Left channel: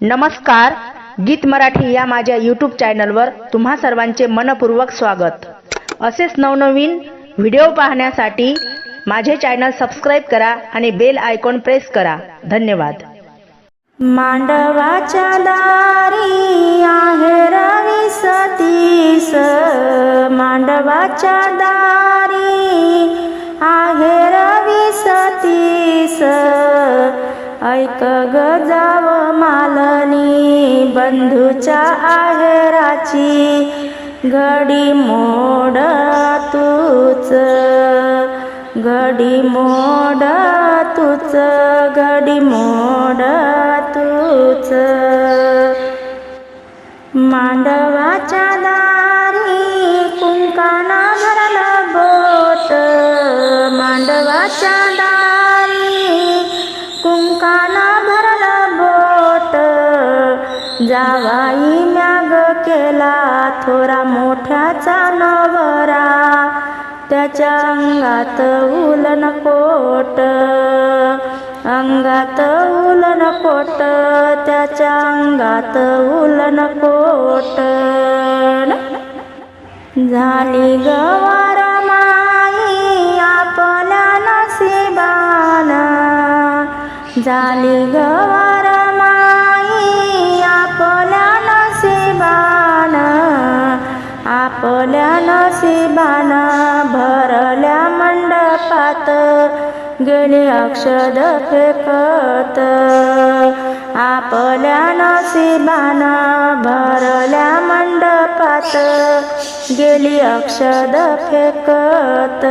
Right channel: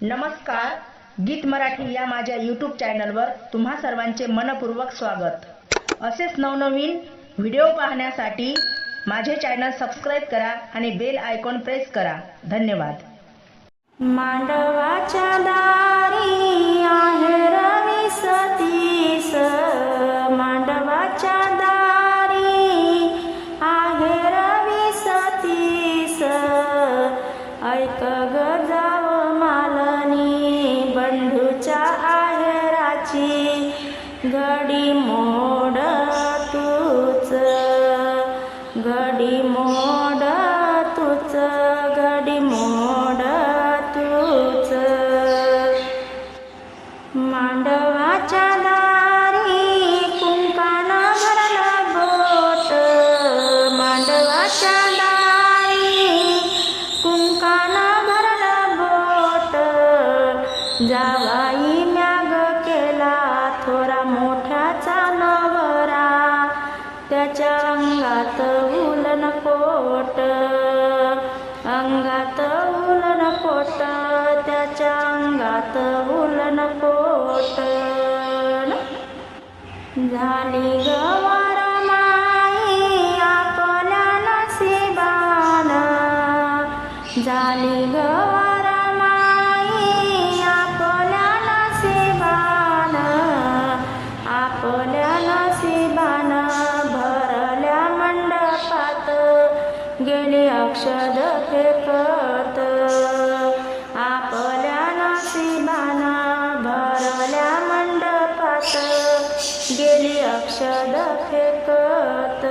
नमस्कार गीत मराठी या माझ्या यूट्यूब चॅनलवर तुम्हा सर्वांचे मनपूर्वक स्वागत. असेच नवनवीन व्हिडिओ पाहण्यासाठी माझे चॅनल सबस्क्राईब करा आणि बेल आयकॉन प्रेस करा. धन्यवाद. मांडवाच्या दारी आहे रवी सतीस. मांडवाच्या दारी आहे रवी सतीस. ऐक ग बंधूच्या आहेराची घडी मोड तूच घडी मोड तूच घडी मोड तूच. मांडवाच्या त्याच्या अंगात उलन पोट. अंगात उलन पोट त्याच्या अंगात उलन कोट झाली गवार माई आपल्या नसिबान झाली गवार माई आपल्या नसिबान आपल्या गेली अक्षद फेकत. आपल्या नशिबान भरल्या मंडपात गेली अक्षद फेकत.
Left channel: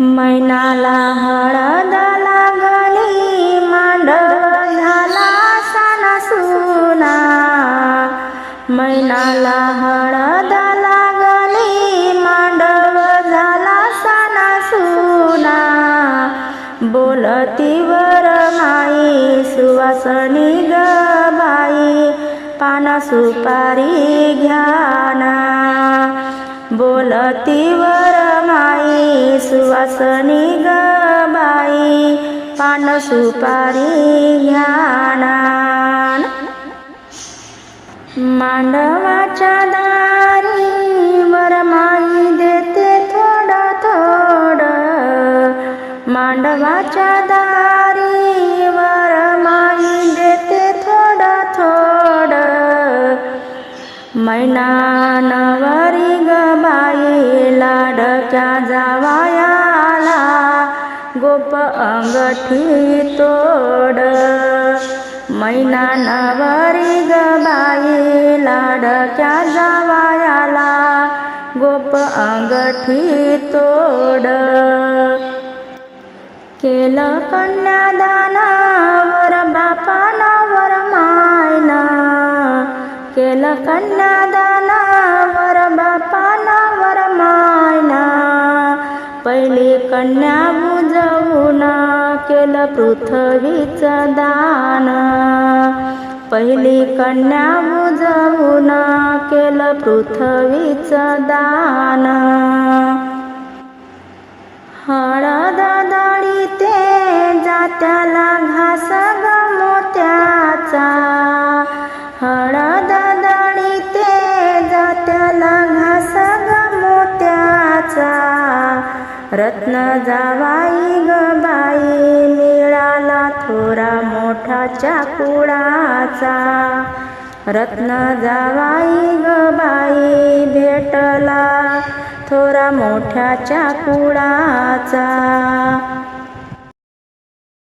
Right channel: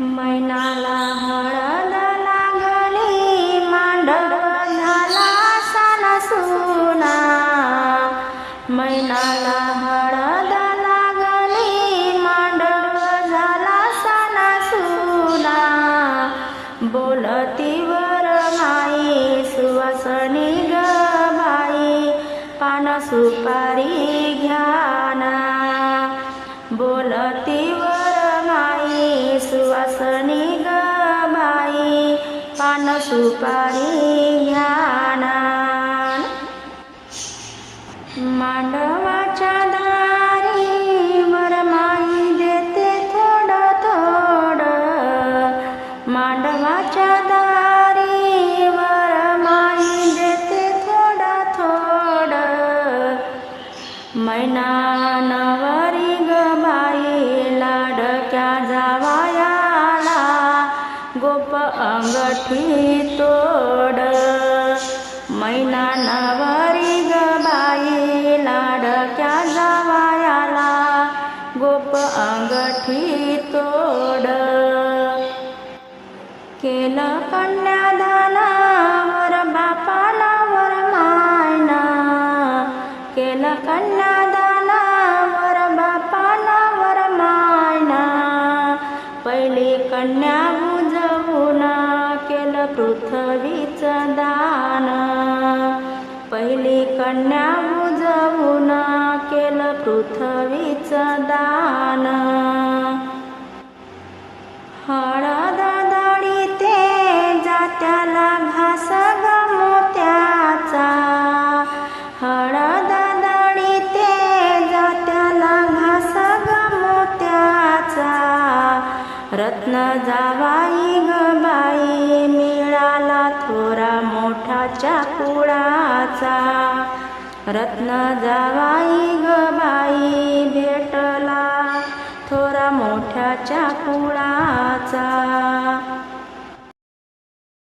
मैनाला हळद लागली मांडव झाला सण सुना मैनाला बोलतीवर माई सुवासनी ग बाई पान सुपारी घ्याना बोलतीवर माई सुवासनी ग बाई पान सुपारी घ्याना मैना नवरी गबाई लाडक्या जावायाला गोप अंगठी तोड. मैना नवरी गबाई लाडक्या जावायाला गोप अंगठी तोड. केलं कन्यादाना केलं कन्नादाना वर बापाना वर मायना पहिली कन्या बुजवून केलं पृथ्वीचं दान. पहिली कन्या बुजवून केलं पृथ्वीचं दान. हळद रत्न जावाई ग बाई मिळाला थोरा मोठाच्या कुळाचा रत्न जावाई ग बाई भेटला थोरा मोठ्याच्या कुळाचा